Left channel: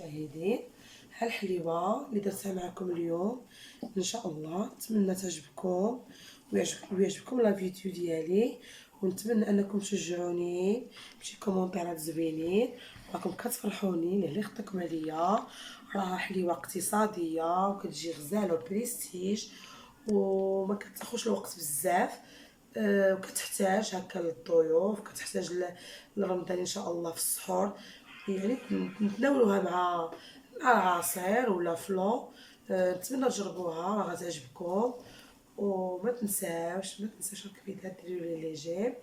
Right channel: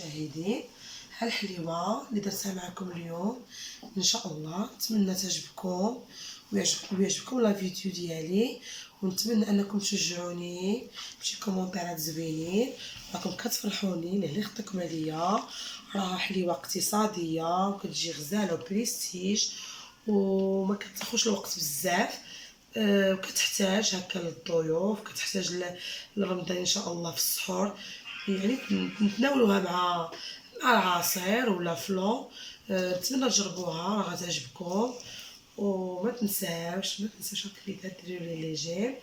المشاهدين، ها الحليوه اللي درتها معكم اليوم. ان شاء الله نتمنى تعجبكم ويعجبكم لا فيديو ديالي، ونتمنى انكم تشجعوني بشي كومونتيرات زوينين. راكم كتفرحوني اللي خطيكم عليا. راها حليوه اقتصاديه وكتجي غزاله وبريستيج وما كتاخذش الوقت بزاف، وكتحتاج هكا للضيوف، كتحتاج لرمضان ان شاء الله في السحور، يعني نتناولوها مع العصير ولا فلون. نتمنى تجربوها، راه غتعجبكم. وما تنساوش الكبيدات ديروا لي لي جيم،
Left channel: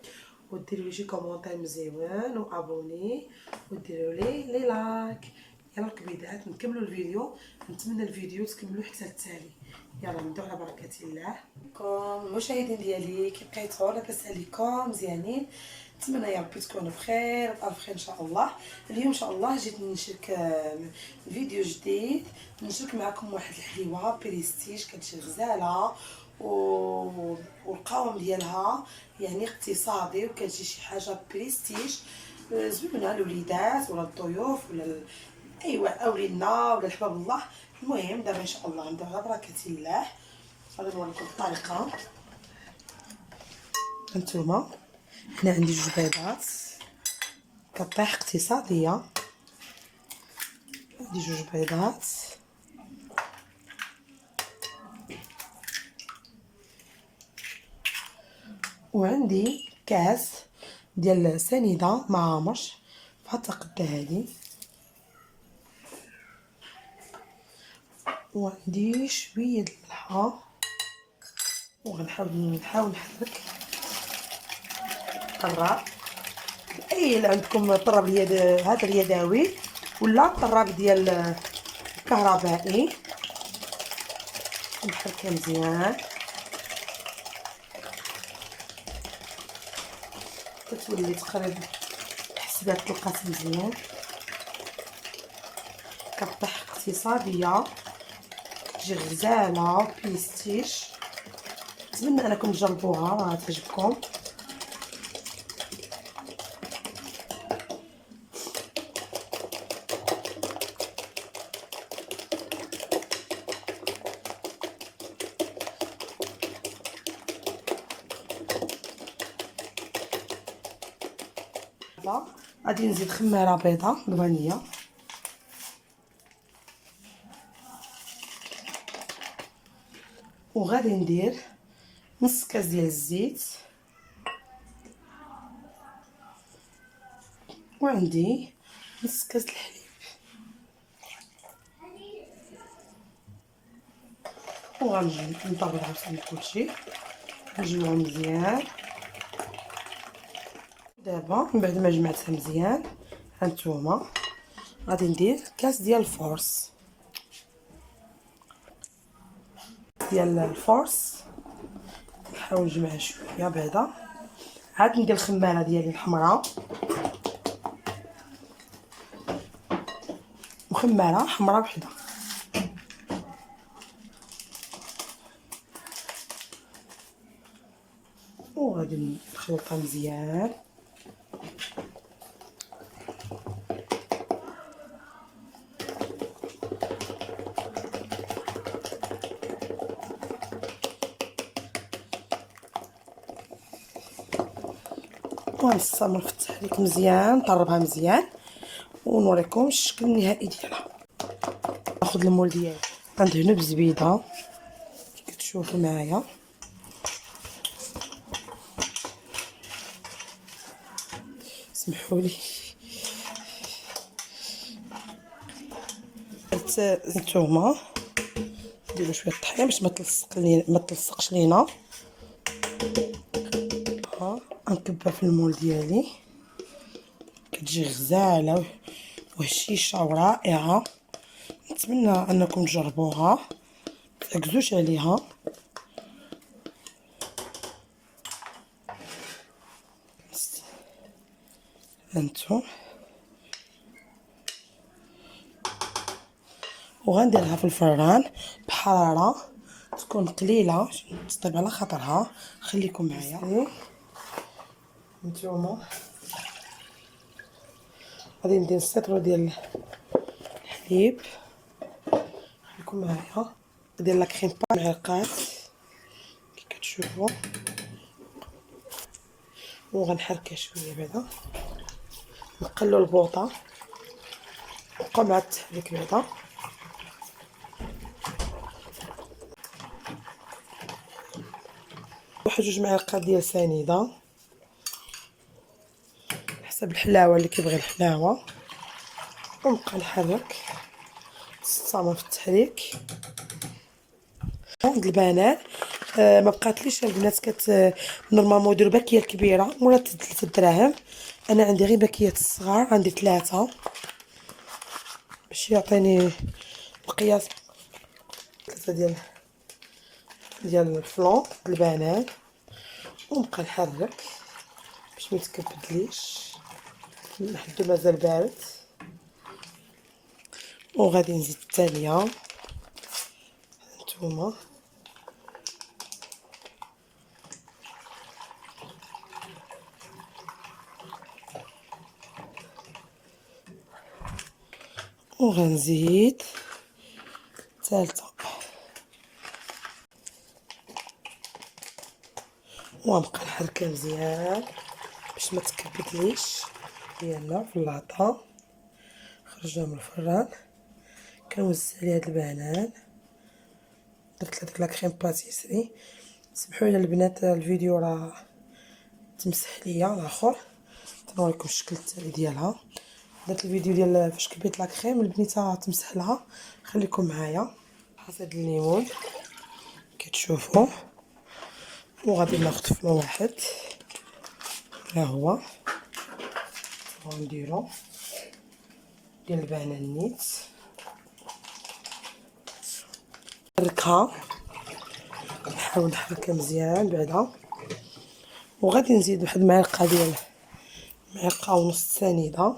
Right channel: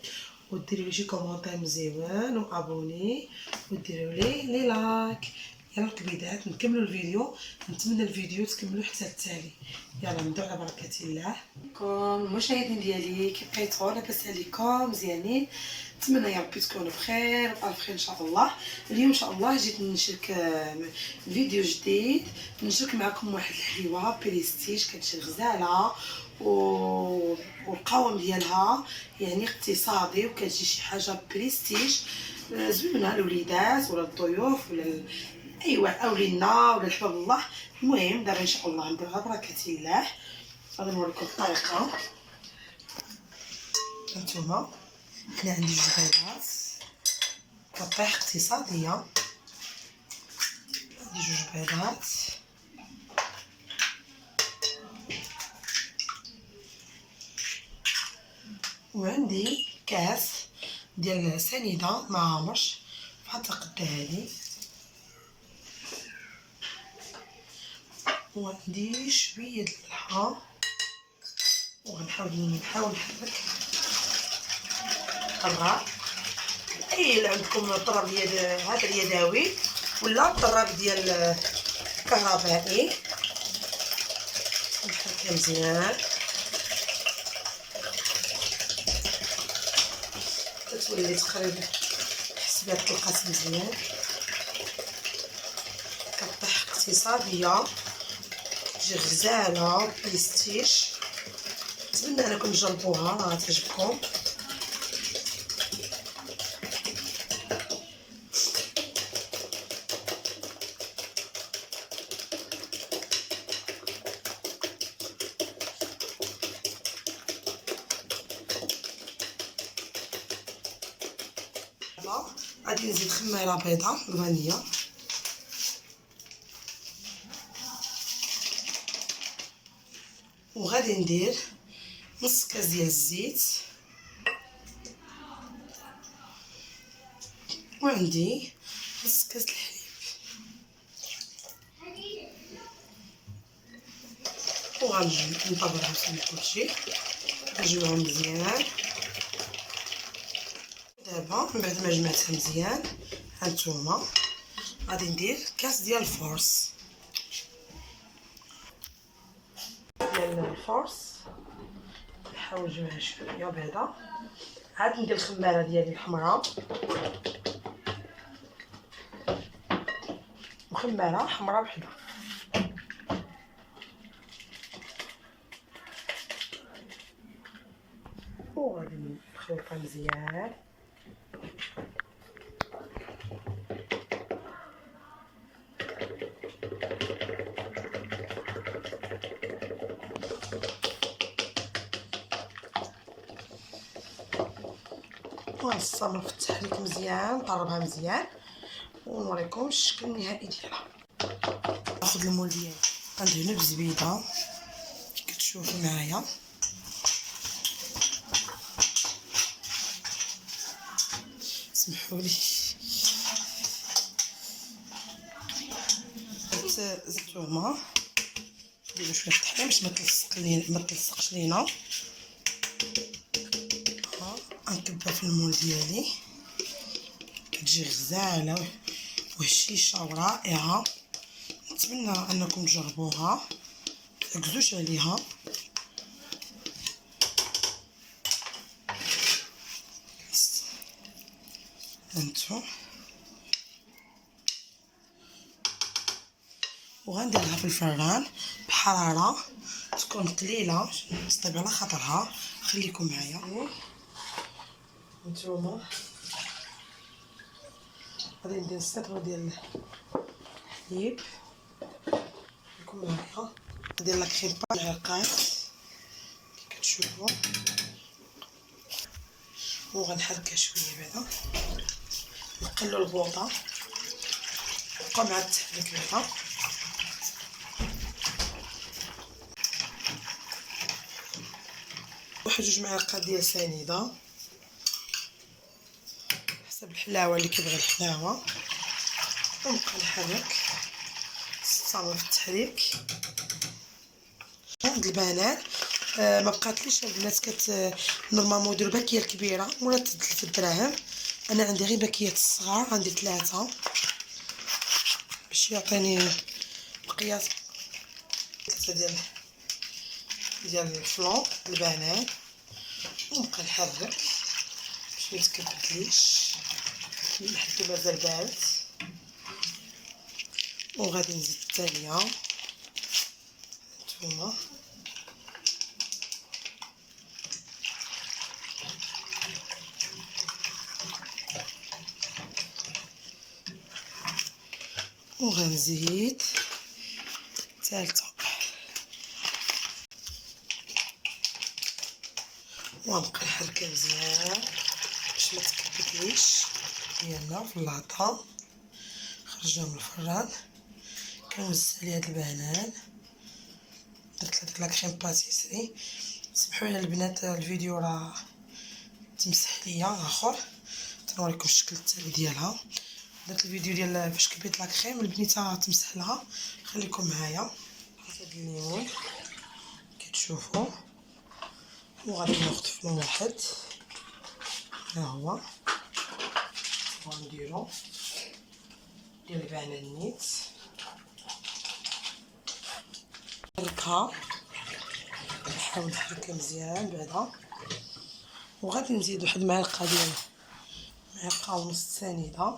وديروا لي شي كومونتير مزيون وابوني، وديروا لي لايك. يلا الكبيدات نكملوا الفيديو، نتمنى الفيديو تكملوا حتى التالي. يلا نبداو على بركه الله. المشاهدين ديالي كيف بقيتوا؟ لاباس عليكم؟ مزيانين؟ نتمنى يا ربي تكونوا بخير وبالف خير ان شاء الله. اليوم ان شاء الله جيت نشارك فيديو جديد، نشارك معكم واحد الحليوه بريستيج كتجي غزاله والقوام ديالها يعني اقتصادي، وكتجي شي حاجه بريستيج زوينه للوليدات ولا الضيوف ولا ايوا اولينا ولا الحباب الله. المهم دابا ان شاء الله نبداو على بركه الله. غادي نوريكم الطريقه. هانتوما هنا عندي جوج بيضات كطيح اقتصاديه، عندي جوج بيضات وعندي كاس ديال سنيده معامش بحال القده هادي، وعندي شويه د الملحه، وغنحاول نحرك الطراب. اي اللي عندكم طراب هذا اليدوي ولا الطراب ديال الكهربائي، نحركها مزيان كتولي تقريبا حسبات تلقات مزيان. كطيح اقتصاديه تجي غزاله بريستيج، نتمنى انكم تجربوها راه تعجبكم. غادي نزيد خماره بيضه فانيه، وغادي ندير نص كاس ديال الزيت، وعندي نص كاس الحليب، وغنطبقها في كلشي نجمعو مزيان. دابا من بعد ما جمعتها مزيان هانتوما غادي ندير كاس ديال الفورس نحاول نجمع شويه بيضه. عاد ندير الخماره ديالي الحمراء، وخماره حمراء وحده، وغادي نخلطها مزيان. ونستمر في التحريك مزيان، نطربها مزيان ونوريكم الشكل النهائي ديالها. ناخذ المول ديالي غندهنو بالزبيده كتشوفوا معايا، سمحولي. نتوما نديرو شويه الطحين باش ما تلصقش لينا. نكبها في المول ديالي كتجي غزاله وهشيشه ورائعه. نتمنى انكم تجربوها، متركزوش عليها. هانتو وغنديرها في الفران بحراره تكون قليله باش تطيب على خاطرها. خليكم معايا. نتوما غادي ندير السيطرو ديال الحليب، خليكم معايا. ندير لا كريم با معلقات كي كتشوفوا، وغنحركها شويه بعدا، نقلو البوطه، نبقاو مع التحريك بعدا. واحد جوج معالق ديال سنيده حسب الحلاوه اللي كيبغي الحلاوه، ونبقى نحرك نستمر في التحريك. هاد البنان ما بقاتليش البنات نورمالمون يديروا باكيه الكبيره مولا 3 دراهم، انا عندي غير باكيات الصغار، عندي 3 باش يعطيني مقياس 3 ديال الفلون البنان، ونبقى نحرك باش ما يتكبدليش لحد مازال بارد. وغادي نزيد الثانيه هانتوما، وغنزيد الثالثه، ونبقى نحركها مزيان باش ما تكبدليش. يلا في اللاطه خرجنا من الفران، كنوزع عليه هاد البنان، درت هذيك لا كريم باتيسري. سمحوا لي البنات الفيديو راه تمسح ليا اخر، تنوريكم الشكل التالي ديالها. درت الفيديو ديال فاش كبيت لا كريم، البنيته تمسح لها، خليكم معايا. هذا الليمون كتشوفوا، وغادي ناخذ فلون واحد، ها هو ونديرو ديال البنان نيت، نحركها، نحاول نحركها مزيان بعدا. وغادي نزيد واحد المعلقه ديال معلقه ونص سنيده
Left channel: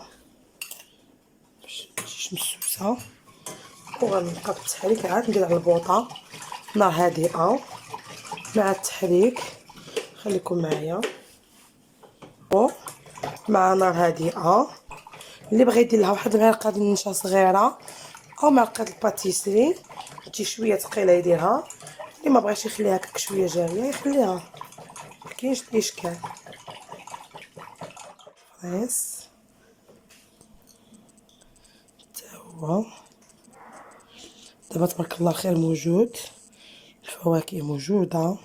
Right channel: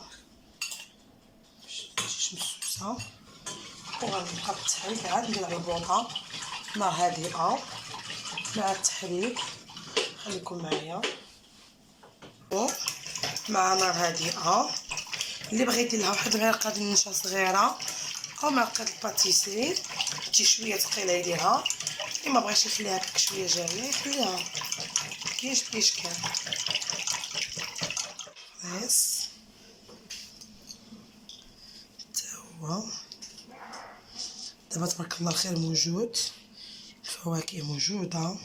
باش متجيش مسوسه، وغنبقى بالتحريك عاد ندير على البوطه نار هادئه مع التحريك. خليكم معايا مع نار هادئه. اللي بغى يدير لها واحد المعلقه ديال النشا صغيره او معلقه الباتيسري تجي شويه ثقيله يديرها، اللي ما بغاش يخليها هكاك شويه جاريه يخليها، مكاينش اشكال. بس تا هو دابا تبارك الله الخير موجود، الفواكه موجوده.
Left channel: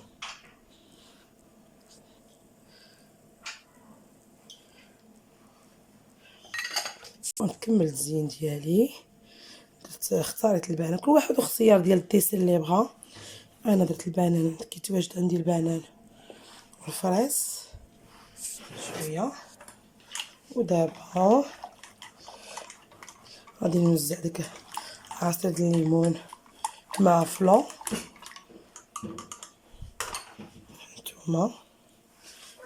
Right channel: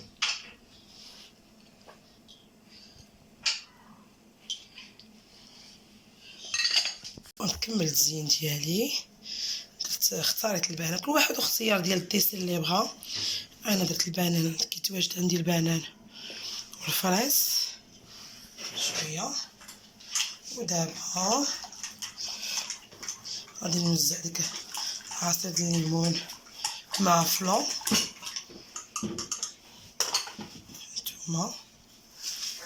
ونكمل الزين ديالي، اختاريت البنان، كل واحد واختيار ديال الديسير اللي بغا. انا درت البنان كيتواجد عندي البنان والفريز شويه. ودابا غادي نوزع ديك عصير الليمون مع فلون. هانتوما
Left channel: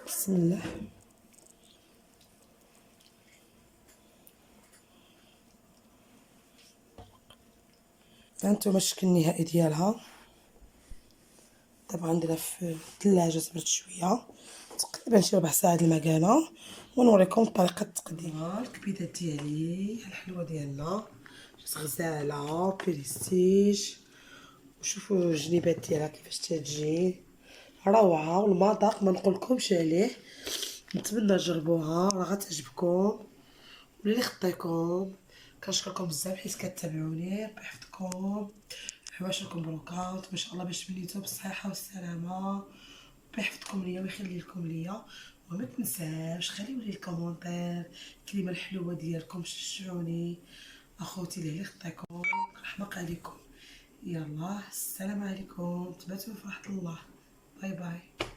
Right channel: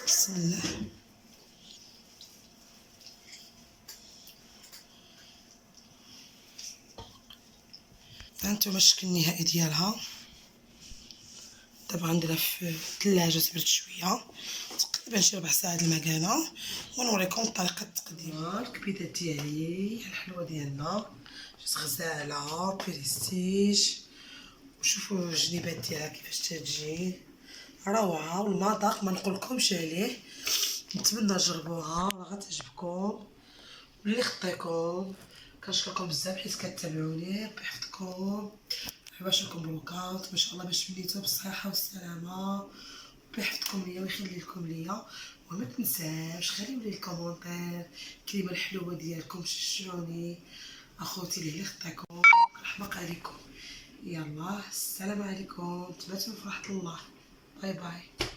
بسم الله، هانتوما الشكل النهائي ديالها. دابا غنديرها في الثلاجه تبرد شويه، تقريبا شي ربع ساعه المكانه، ونوريكم طريقه التقديم. الكبيدات ديالي الحلوه ديالنا غزاله بريستيج، وشوفوا الجنيبات ديالها كيفاش تجي روعه، والمذاق ما نقولكمش عليه. نتمنى تجربوها، راه غتعجبكم. واللي خطيكم كنشكركم بزاف حيت كتابعوني، ربي يحفظكم، عواشركم مبروكات ما شاء الله باش وليتو بالصحه والسلامه، ربي يحفظكم ليا ويخلي لكم ليا. وما تنساوش خليو لي الكومونتير الكلمه الحلوه ديالكم، شجعوني اخوتي اللي خطيكم، رحمه عليكم. يلا السلام عليكم، تباتوا في رحمه الله، باي باي.